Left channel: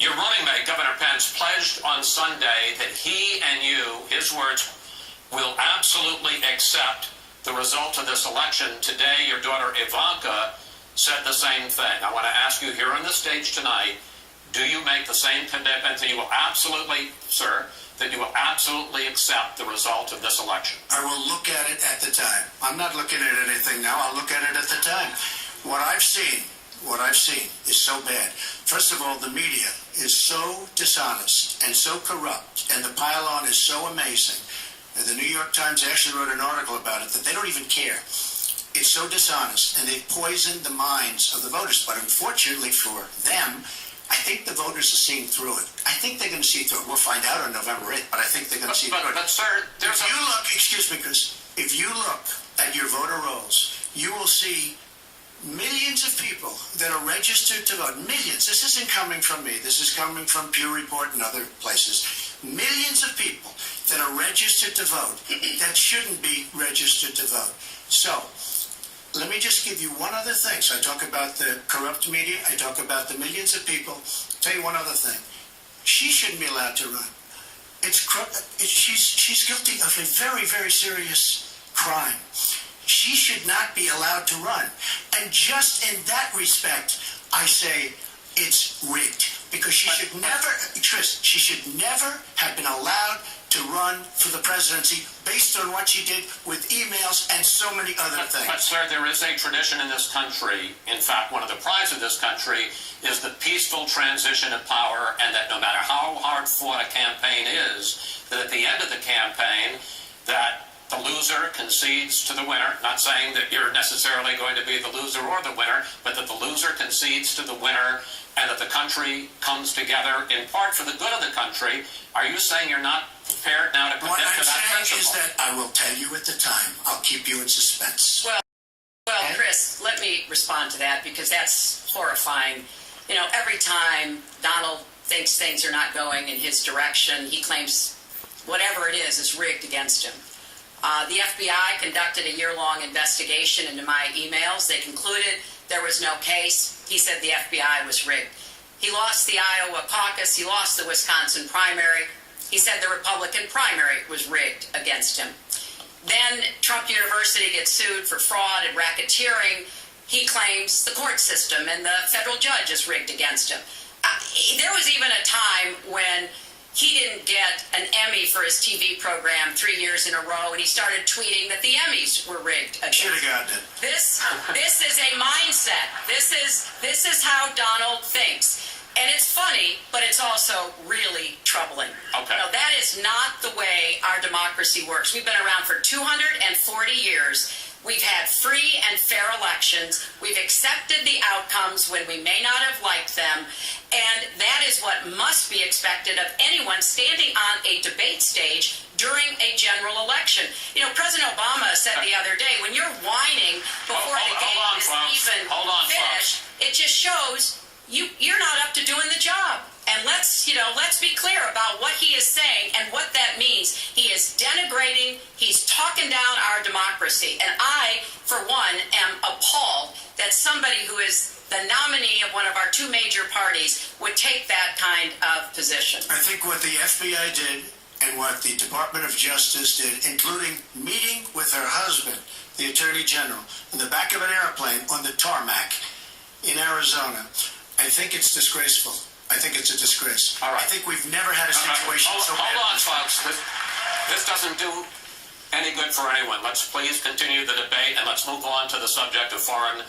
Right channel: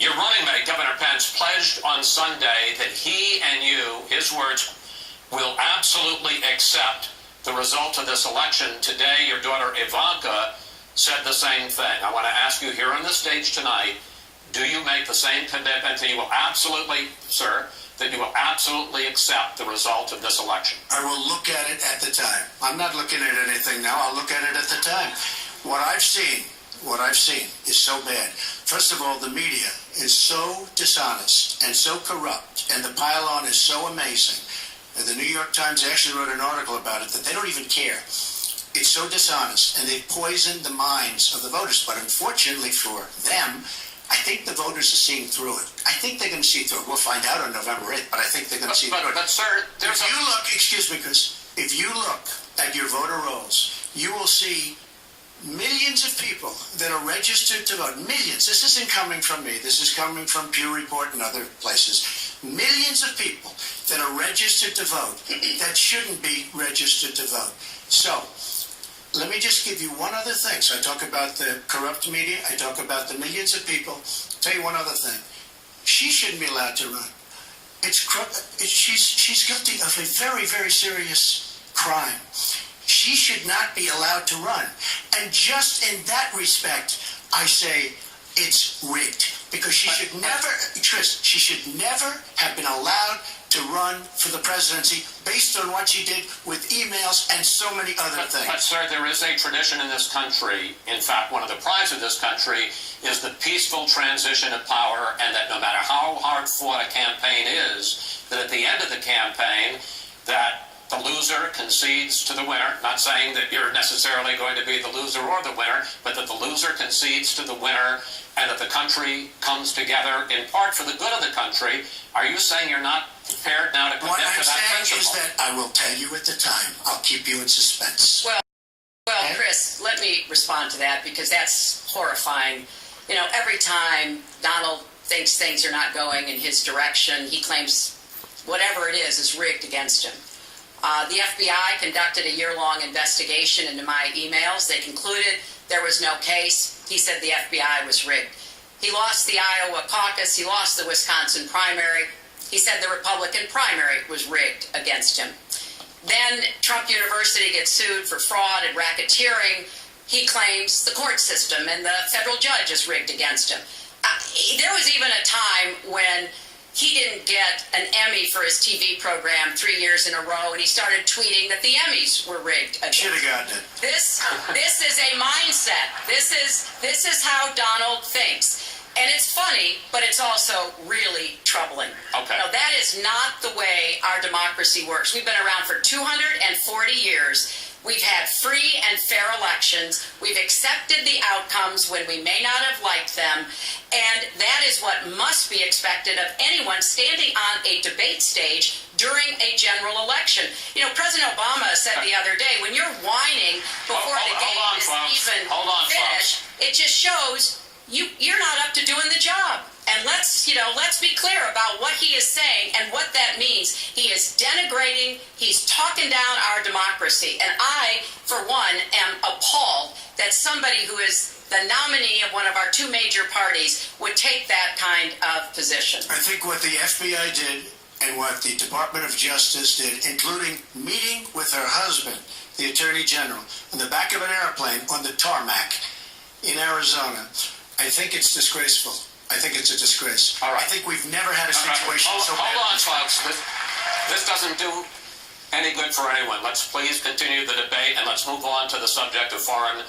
Your running mate, Governor Pence, pledged on Sunday that he and you, his words, will absolutely accept the result of this election. Today, your daughter Ivanka said the same thing. I want to ask you here on the stage tonight, do you make the same commitment that you will absolutely, sir, that you will absolutely accept the result of this election? I will look at it at the time. I'm not looking at anything now. I'll look at it at the time. What I've seen is so bad. First of all, the media is so dishonest and so corrupt, and the pile-on is so amazing. The New York Times actually wrote an article about it that they don't even care. It's so dishonest, and they've poisoned the minds of the voters. But unfortunately for them, I think the voters are seeing through it. I think they're going to see through it. We'll find out on November 8th, but I think they're going to see through it. But, sir, there's if you look, excuse me, Chris, if you look at your voter rolls, you will see millions of people that are registered to vote. Millions. This isn't coming from me. This is coming from Pew Report and other places. Millions of people that are registered to vote that shouldn't be registered to vote. So, let me just give you one other thing. So I talk about the corrupt media. I talk about the millions of people. Tell you one other thing. She shouldn't be allowed to run. She's guilty of a very, very serious crime. She should not be allowed to run. And just in that respect, I say it's rigged. Because she should never, Chris, she should never have been allowed to run for the presidency based on what she did with emails and so many other things. But, sir, there is a tradition in this country. In fact, one of the prides of this country is the peaceful transition of power, and that no matter how hard fought a campaign is, that at the end of the campaign, that the loser concedes to the winner. Not saying that you're necessarily going to be the loser or the winner, but that the loser concedes to the winner, and that the country comes together in part for the good of the country. Are you saying you're not prepared now to commit to that principle? What I'm saying is that I will tell you at the time. I'll keep you in suspense. Well, Chris, let me respond to that, because that's horrifying. You know, every time Donald thinks things are not going in his direction, he claims whatever it is rigged against him. The FBI conducted a year-long investigation into my emails. They concluded there was no case. He said the FBI was rigged. He lost the Iowa caucus. He lost the Wisconsin primary. He said the Republican primary was rigged against him. Then Trump University gets sued for fraud and racketeering. He claims the court system and the federal judge is rigged against him. There was even a time when he didn't get an Emmy for his TV program 3 years in a row, and he started tweeting that the Emmys were rigged against him. Should have gotten it. This is a mindset. This is how Donald thinks. And it's funny, but it's also really troubling. Okay. You know, that is not the way our democracy works. We've been around for 240 years. We've had free and fair elections. We've accepted the outcomes when we may not have liked them. And that is what must be expected of anyone standing on a debate stage during a general election. You know, President Obama said the other day, when you're whining before the game is even finished, it just shows you're not up to doing the job. And let's be clear about what he is saying and what that means. He is denigrating, he's talking down our democracy. And I, for one, am appalled that somebody who is the nominee of one of our two major parties would take that kind of position. I think what the FBI did and what the Department of Justice did, including meeting with her husband, the Attorney General, on the back of an airplane on the tarmac in Arizona, I think it's disgraceful. I think it's a disgrace. All right. I think we've never had a situation so bad. Hold on, folks. This doesn't do any good for anyone. Let's please continue the debate, and let's move on to the subject of foreign